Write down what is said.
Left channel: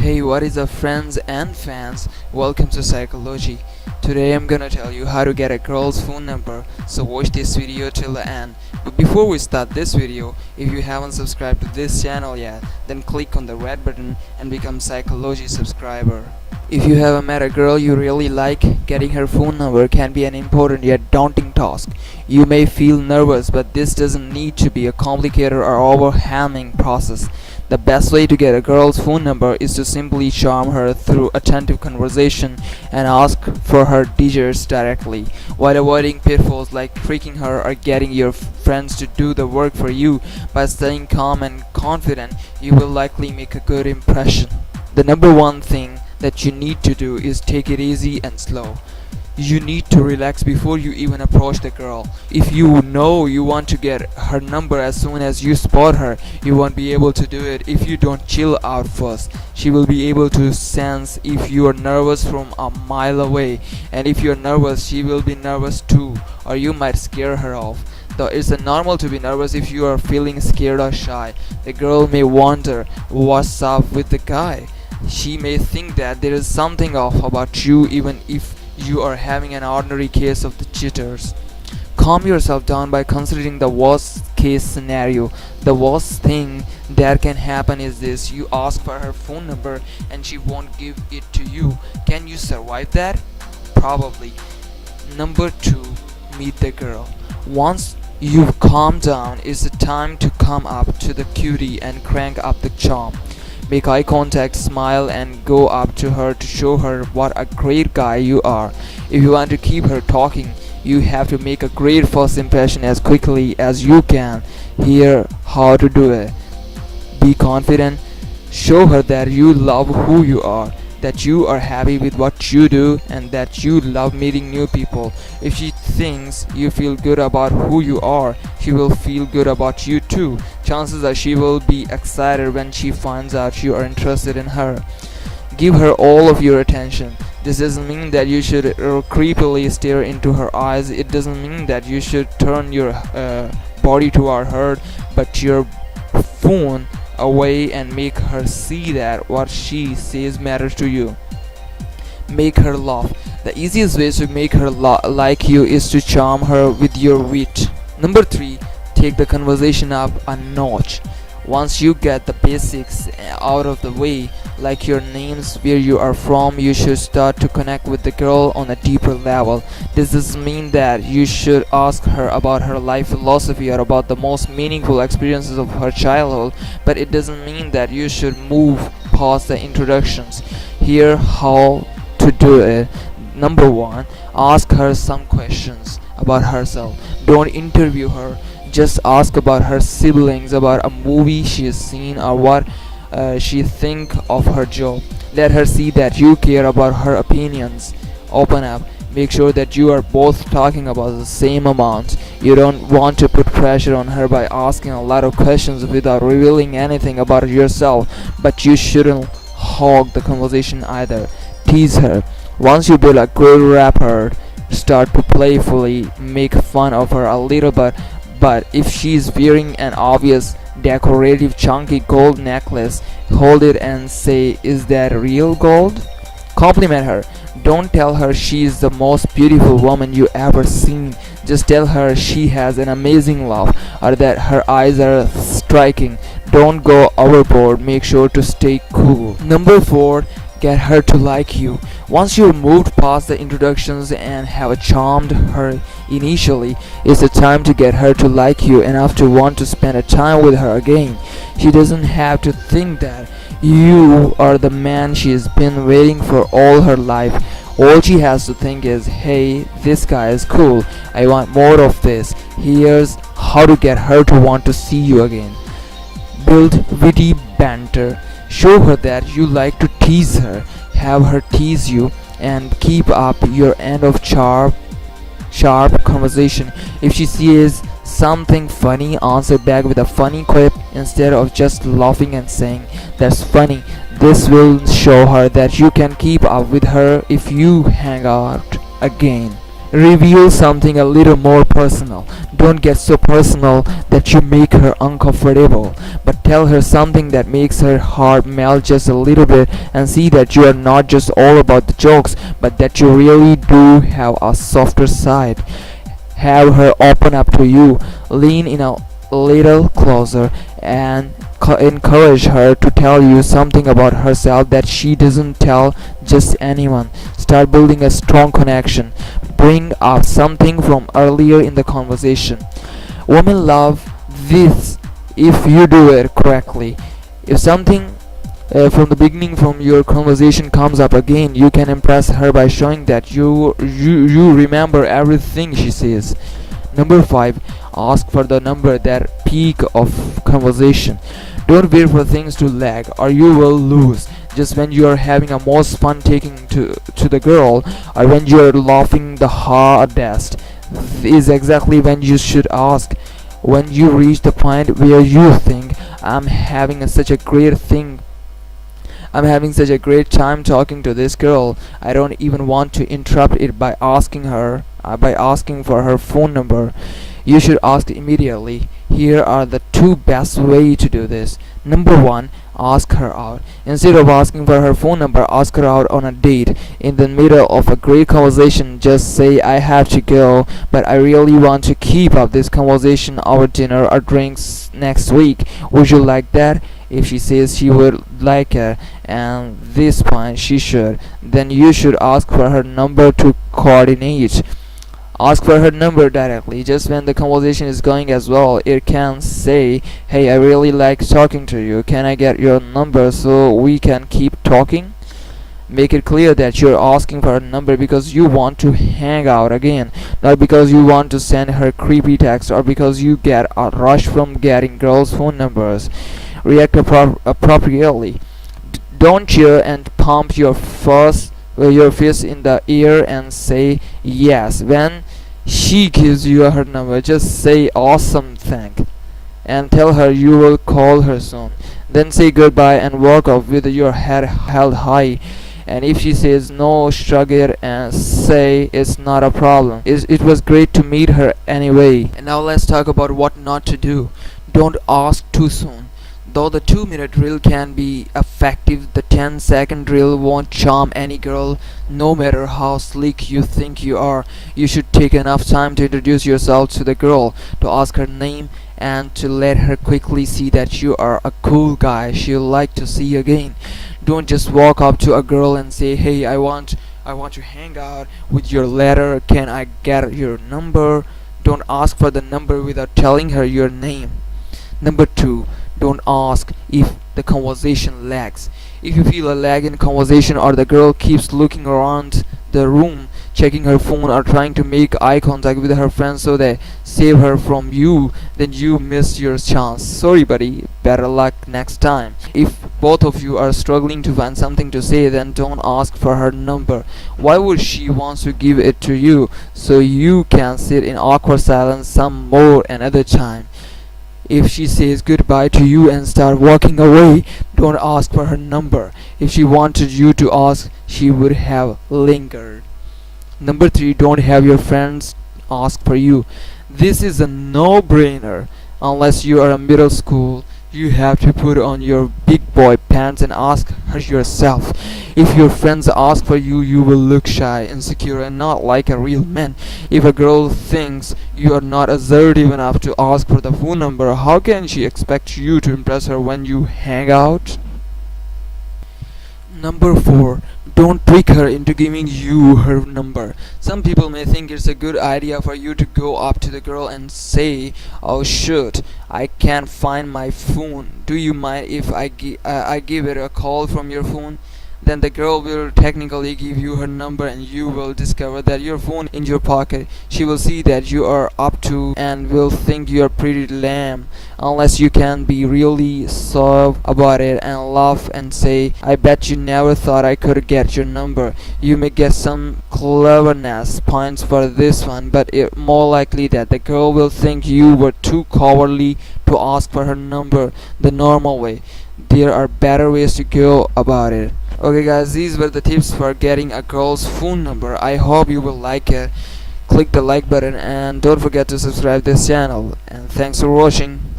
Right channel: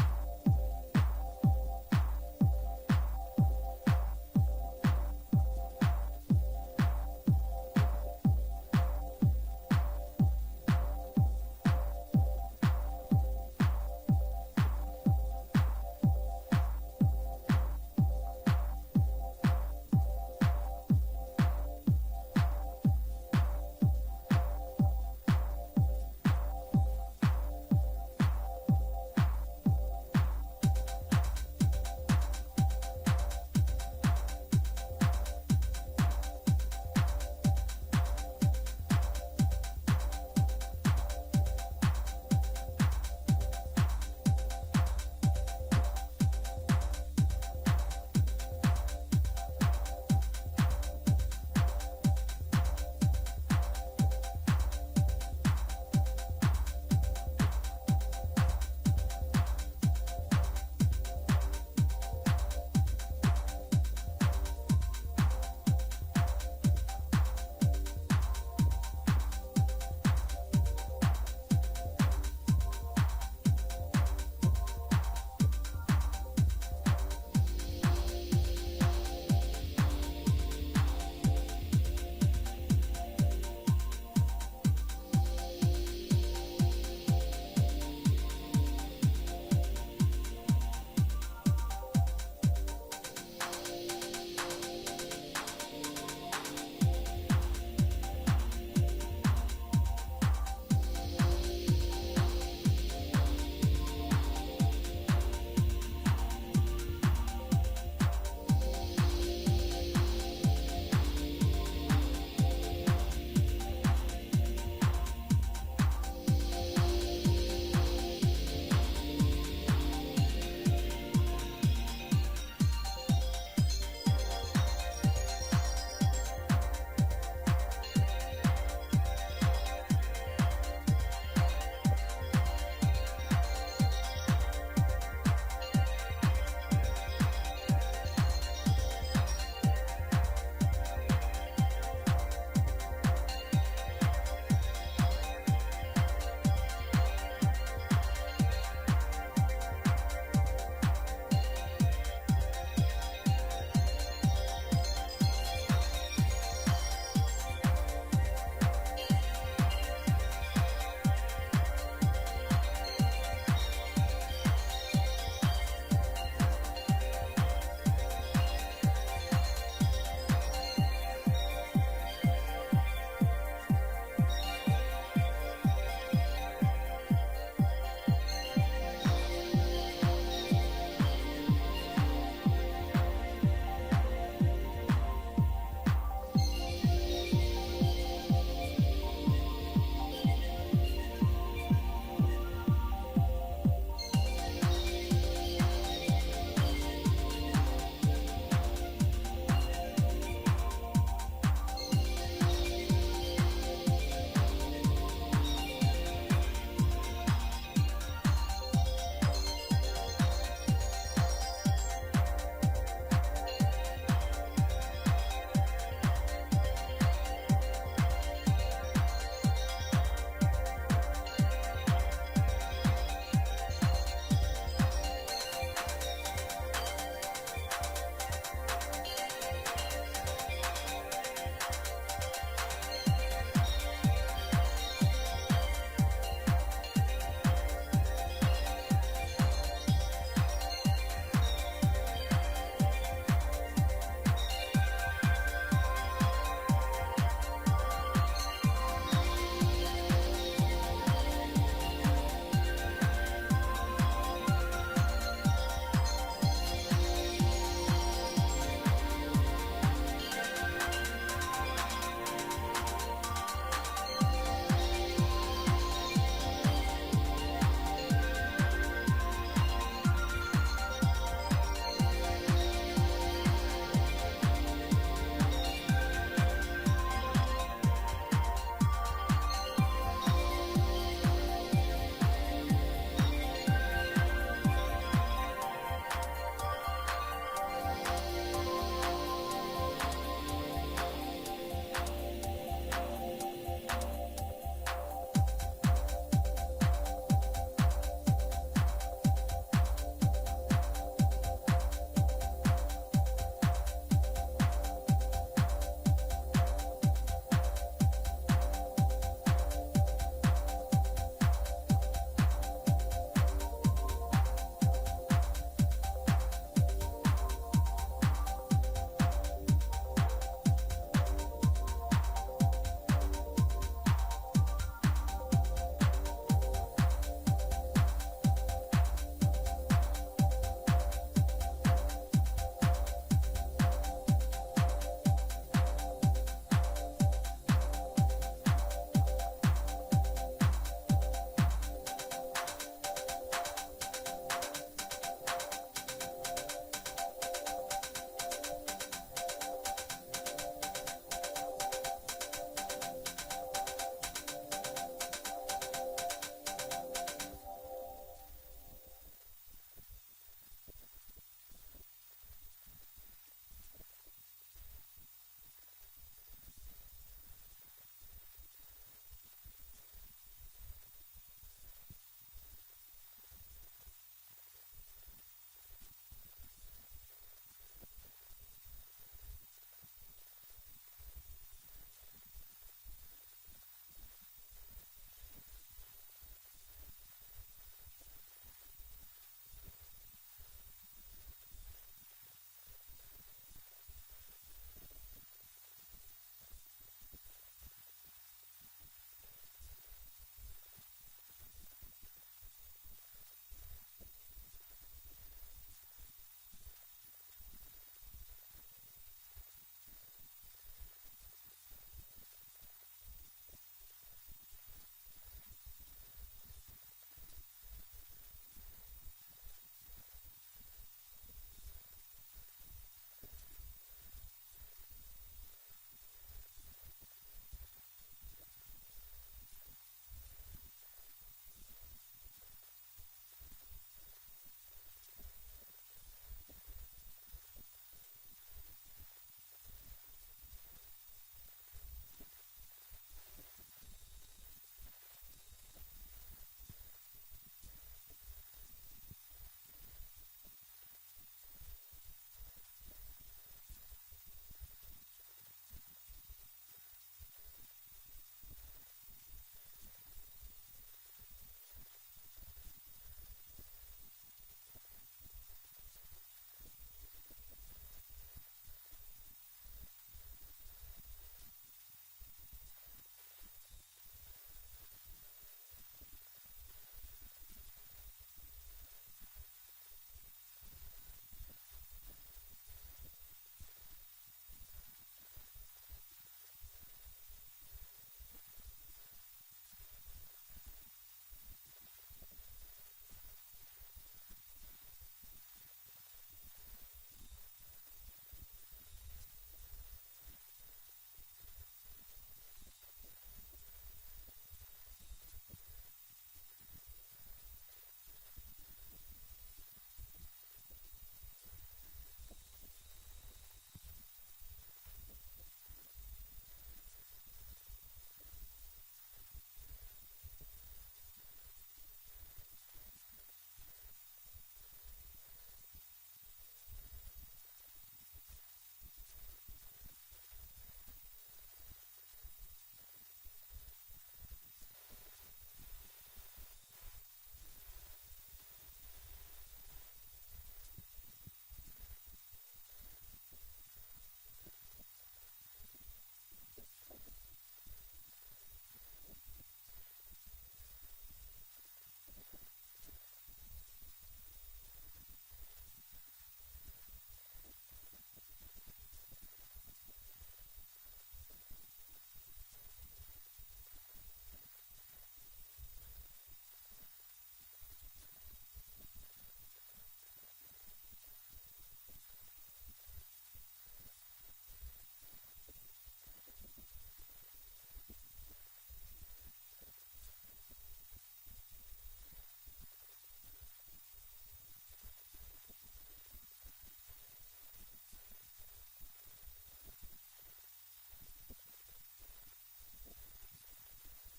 Hey, what is up, friends and fans? Welcome to Psychology. Today I'm gonna tell you how to get a girl's phone number, so watch this video till the end. But before we start this video, if you haven't subscribed to this channel yet, then click on the red button and become Psychology subscriber. If you have met a girl you really like, getting her phone number can be an important yet daunting task. You may feel nervous, but this doesn't need to be a complicated or overwhelming process. The best way to get a girl's phone number is to simply charm her through attentive conversation and ask for her digits directly, while avoiding pitfalls like tricking her or getting your friends to do the work for you. By staying calm and confident, you will likely make a good impression. The number one thing that you need to do is take it easy and slow. You need to relax before you even approach the girl. If you know you want to get her number as soon as you spot her, you won't be able to do it if you don't chill out first. She will be able to sense if you are nervous from a mile away, and if you're nervous, she will be nervous too, or you might scare her off. Though it's normal to be nervous if you are feeling scared or shy. The girl may wonder what's up with the guy. She may think that there is something off about you, even if you are having an ordinary case of the jitters. Calm yourself down by considering the worst case scenario. The worst thing that can happen is this: you ask for her phone number and she won't give it to you. Can you survive that? Probably. Number 2, meet the girl. Once you've calmed down, it's the time to come up to the cutie and crank up the charm. Make eye contact, smile, and go up to her to show her what a great guy you are. If you want to keep her talking, you have to make a great first impression as quickly as you can. Here how to do it. Be confident. Show her that you love who you are, that you are happy with what you do, and that you love meeting new people. If she thinks you feel good about who you are, she will feel good about you too. Chances are she will be excited when she finds out you are interested in her. Give her all of your attention. This doesn't mean that you should creepily stare into her eyes. It doesn't mean that you should turn your body toward her, but your phone away and make her see that what she says matters to you. Make her laugh. The easiest way to make her like you is to charm her with your wit. Number 3, take the conversation up a notch. Once you get the basics out of the way, like your names, where you are from, you should start to connect with the girl on a deeper level. This doesn't mean that you should ask her about her life philosophy or about the most meaningful experiences of her childhood, but it doesn't mean that you should move past the introductions. Here how to do it. Number 1, ask her some questions about herself. Don't interview her. Just ask about her siblings, about a movie she has seen, or what she think of her job. Let her see that you care about her opinions. Open up. Make sure that you are both talking about the same amount. You don't want to put pressure on her by asking a lot of questions without revealing anything about yourself, but you shouldn't hog the conversation either. Tease her. Once you build a good rapport, start to playfully make fun of her a little bit. But if she's wearing an obvious decorative chunky gold necklace, hold it and say, "Is that real gold?" Compliment her. Don't tell her she's the most beautiful woman you ever seen. Just tell her she has an amazing laugh or that her eyes are striking. Don't go overboard. Make sure to stay cool. Number 4, get her to like you. Once you've moved past the introductions and have charmed her initially, it's the time to get her to like you enough to want to spend a time with her again. She doesn't have to think that you are the man she has been waiting for all her life. All she has to think is, hey, this guy is cool. I want more of this. Here's how to get her to want to see you again. Build witty banter. Show her that you like to tease her. Have her tease you and keep up your end of sharp conversation. If she says something funny, answer back with a funny quip instead of just laughing and saying, "That's funny." This will show her that you can keep up with her if you hang out again. Reveal something a little more personal. Don't get so personal that you make her uncomfortable, but tell her something that makes her heart melt just a little bit, and see that you are not just all about the jokes, but that you really do have a softer side. Have her open up to you, lean in a little closer, and encourage her to tell you something about herself that she doesn't tell just anyone. Start building a strong connection. Bring up something from earlier in the conversation. Women love this if you do it correctly. If something from the beginning from your conversation comes up again, you can impress her by showing that you remember everything she says. Number 5. Ask for the number that peak of conversation. Don't wait for things to lag or you will lose. Just when you are having a most fun taking to the girl, or when you are laughing the hardest, is exactly when you should ask. When you reach the point where you think, I'm having such a great time talking to this girl, I don't even want to interrupt it by asking for her phone number. You should ask immediately. Here are the 2 best ways to do this. Number 1. Ask her out. Instead of asking for her phone number, ask her out on a date. In the middle of a great conversation, just say, I have to go, but I really want to keep up this conversation over dinner or drinks next week. Would you like that? If she says she would like it, and this point she should, then you should ask for her number to coordinate. Ask for her number directly. Just when the conversation is going as well, it can say, hey, I really like talking to you. Can I get your number so we can keep talking? Make it clear that you're asking for her number because you want to hang out again, not because you want to send her creepy text or because you get a rush from getting girls' phone numbers. React appropriately. Don't cheer and pump your fist in the air and say yes when she gives you her number. Just say awesome thing and tell her you will call her soon. Then say goodbye and walk off with your head held high. And if she says no, shrug it and say it's not a problem. It was great to meet her anyway. And now let's talk about what not to do. Don't ask too soon. Though the 2-minute drill can be effective, the 10-second drill won't charm any girl, no matter how slick you think you are. You should take enough time to introduce yourself to the girl, to ask her name, and to let her quickly see that you are a cool guy she'll like to see again. Don't just walk up to a girl and say, hey, I want to hang out with your letter, can I get your number? Don't ask for the number without telling her your name. Number 2. Don't ask if the conversation lags. If you feel a lag in conversation or the girl keeps looking around the room, checking her phone or trying to make eye contact with her friends so they save her from you, then you missed your chance. Sorry buddy, better luck next time. If both of you are struggling to find something to say, then don't ask for her number. Why would she want to give it to you so you can sit in awkward silence some more another time? If she says goodbye to you and start walking away, don't ask for her number. If she wanted you to ask, she would have lingered. Number 3. Don't have your friends ask for you. This is a no-brainer. Unless you are a middle school, you have to put on your big boy pants and ask her yourself. If your friends ask for you, you will look shy, insecure, and not like a real man. If a girl thinks you are not assertive enough to ask for the phone number, how can she expect you to impress her when you hang out? Number 4. Don't trick her into giving you her number. Some people may think it's a good idea for you to go up to the girl and say, oh shoot, I can't find my phone. Do you mind if I give it a call from your phone? Then the girl will technically give you her number and you will discover that your phone in your pocket. She will see that you are up to and will think you are pretty lame. Unless you can be really soft about it and laugh and say, I bet you never thought I could get your number. You may get some cleverness points for this one, but it's more likely that the girl will think you were too cowardly to ask for her number the normal way. There are better ways to go about it. Okay guys, these were the tips for getting a girl's phone number. I hope you will like it. click the like button and don't forget to subscribe this channel, and thanks for watching.